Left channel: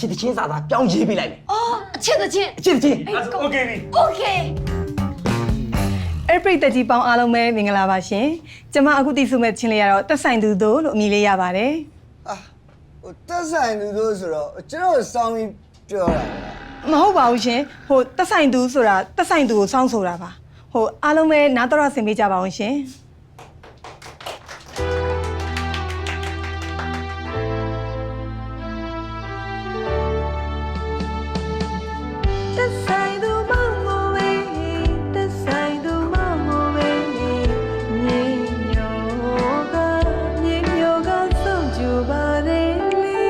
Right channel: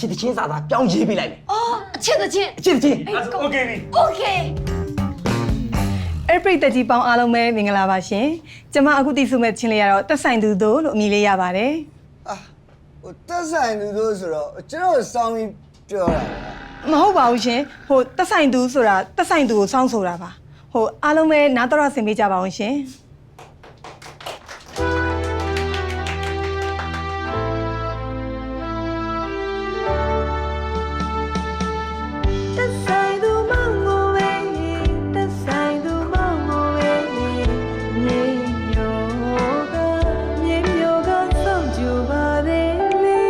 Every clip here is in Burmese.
ချစ်တချင်းစာသားပြောင်းရေးပေးလိုက်မယ်အော်အချစ်တချင်းအချစ်တချင်းအဲ့ဒါဆို okay ပြီ Okay အဲ့ပရိသတ်ကြီးပေါင်းအားလုံးပဲမင်္ဂလာပါရှင်ကျမအခုတည်ဆုမဲ့ချင်းလေးကတော့တက်ဆိုင်သူတို့လို့အမည်လေးရပါတယ်အာဟိုတက်ဆိုင်လူတို့ဆိုတော့ကျွန်တော်စောင်းပြီးပြောတာမဟုတ်ပါဘူးရှင်ဟိုတက်ဆိုင်သူဆိုတာတက်ဆိုင်သူကိုစောင့်ဆိုတာပါဟိုအားလုံးပဲနားတော်ရဆင်ပေးကြပါအောင်ရှင် ဆိုင်သူမောင်ကိုပဲတက်ဆိုင်သူမောင်ကိုပဲမြေညောကမြေညောကစောင့်ကြပါတယ်လေ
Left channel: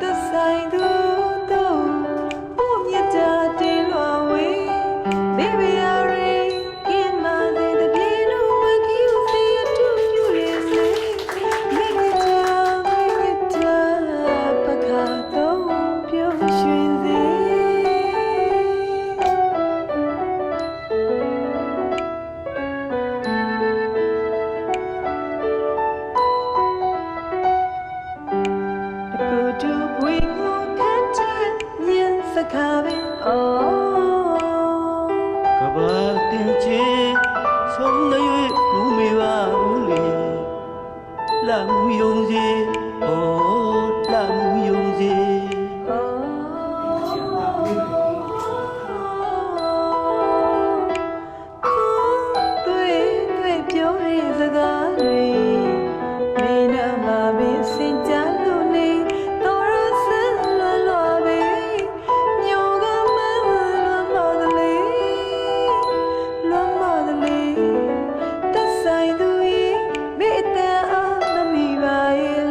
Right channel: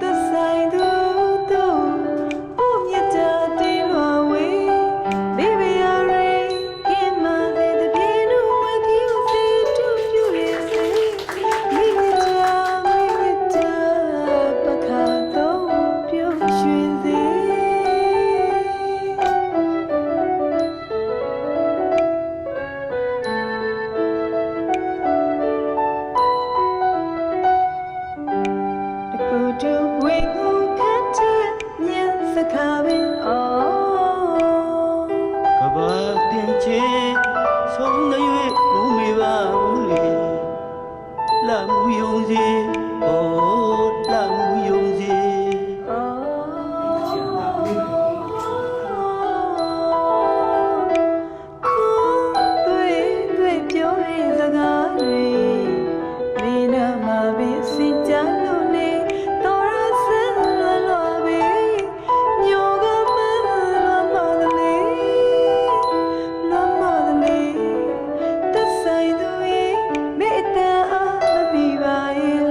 တဆိုင်သူတို့ပို့မြတ်တာတီလွာဝေး ခါတော့ပြုံးရွှင်စေတကူတူဘွေကိုခန့်တဲ့ညံစကားပင်အော်ကဘာတင်ချေဆုံးနေ၍မုံမေပါဘူးလေလာမှုယုံစေ ဩလာမှုယုံစေခုတွေ့တွေ့ပြောတဲ့စကားတွေနေနာမှာပင်အစင်ကြလို့နေတော်ရဆန်းလွယ်လွယ်ပဲမျိုးကမလွမ်းမသလေလွမ်းမသလေသက်ဆိုင်သူရဲ့မေတ္တာအားမမီပါရဲ့